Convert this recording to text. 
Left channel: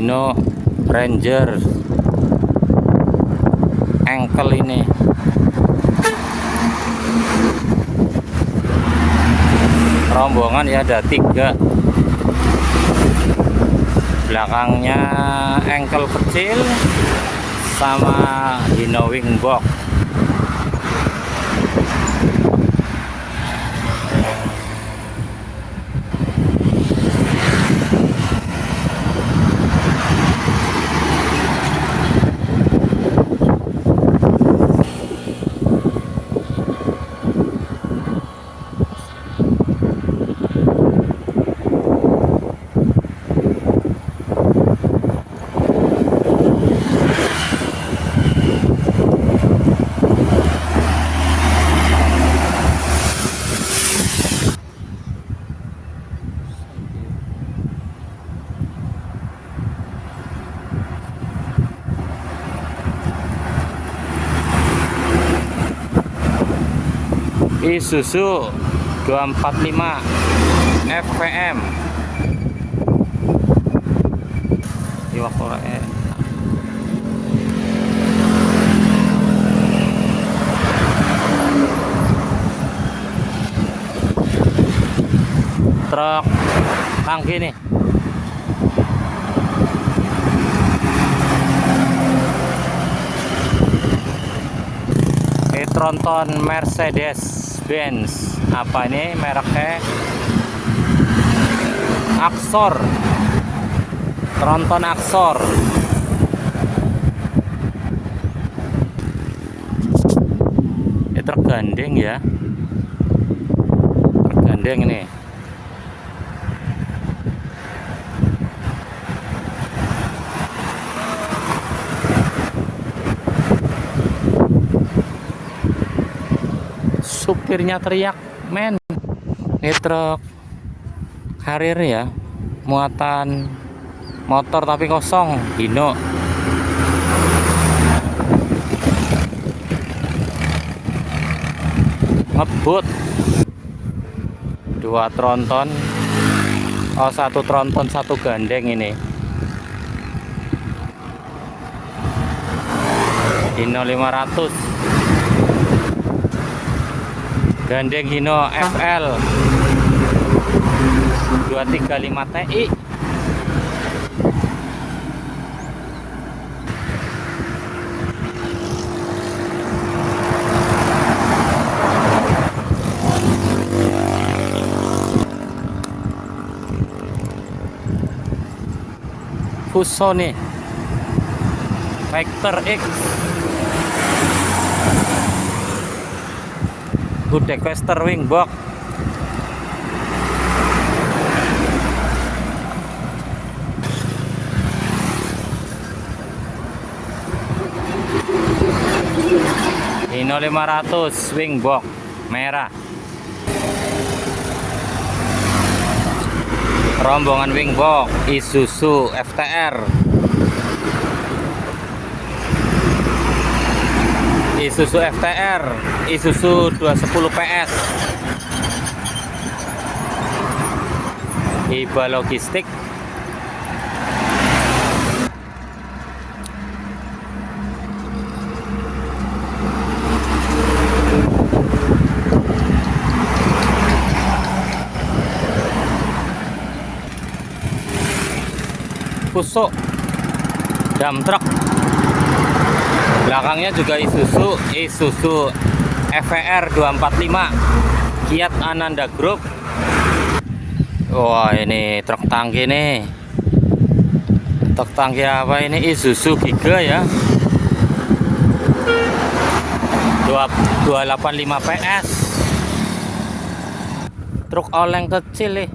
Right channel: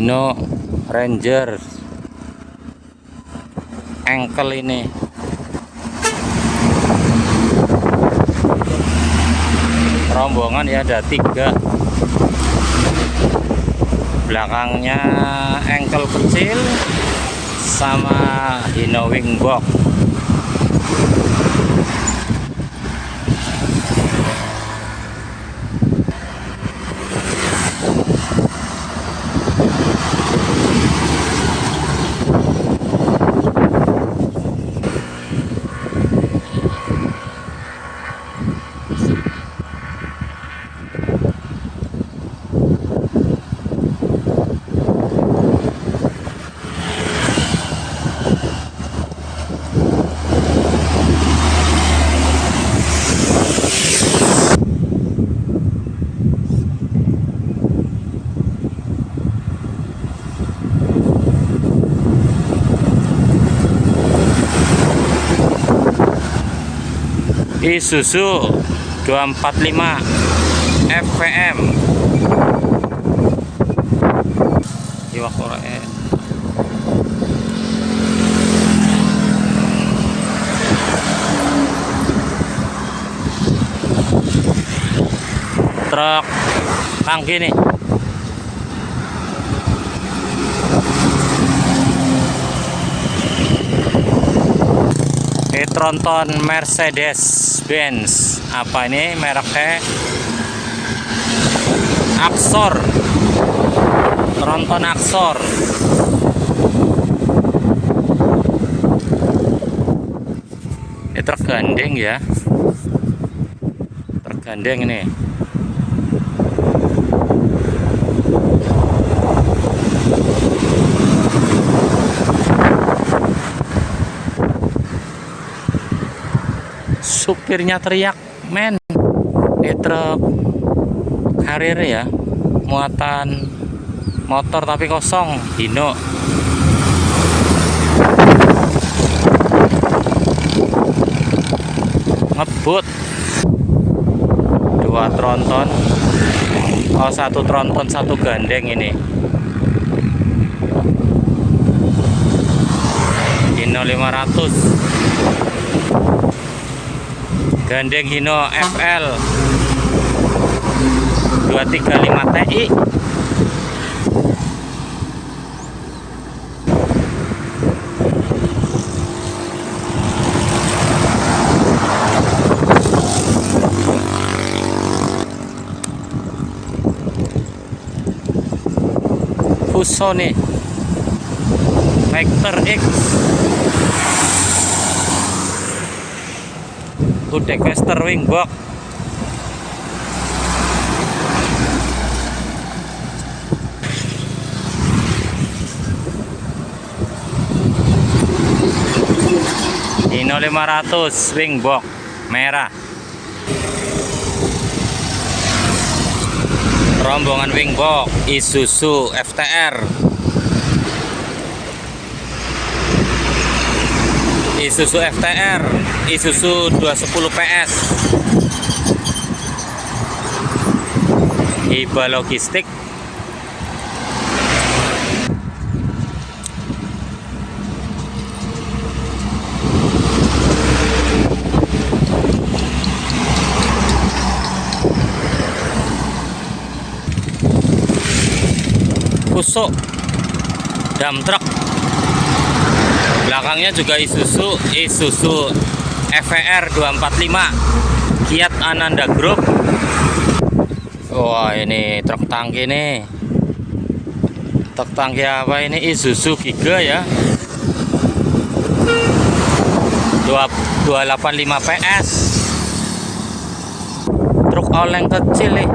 Hino Ranger engkel ini. Rombongan ya ada 3, belakangnya engkel kecil sama Hino wing box. Isuzu 245 FVM Iwakura truk tangki nih. Tronton Mercedes-Benz, apa ini mereknya? Axor, Tronton Axor. Ini tergandeng ya, tergandeng ini. Supirnya teriak, men. Ini truk karir ya, muatan motor tapi kosong. Hino ngebut 2 tronton, oh 1 tronton 1 gandeng ini. Hino 500 gandeng Hino FL 235 TI. Fuso nih, Vector X Budecaster wing box. Hino 500 wing box merah. Rombongan wing box Isuzu FTR. Isuzu FTR, Isuzu 210 PS. Hiba logistik. Fuso dump truck. Belakangnya juga Isuzu FVR 245 Kiat Ananda Group. Wah, ini truk tangki nih. Truk tangki apa ini? Isuzu Giga ya. 285 PS. Truk oleng kecil nih.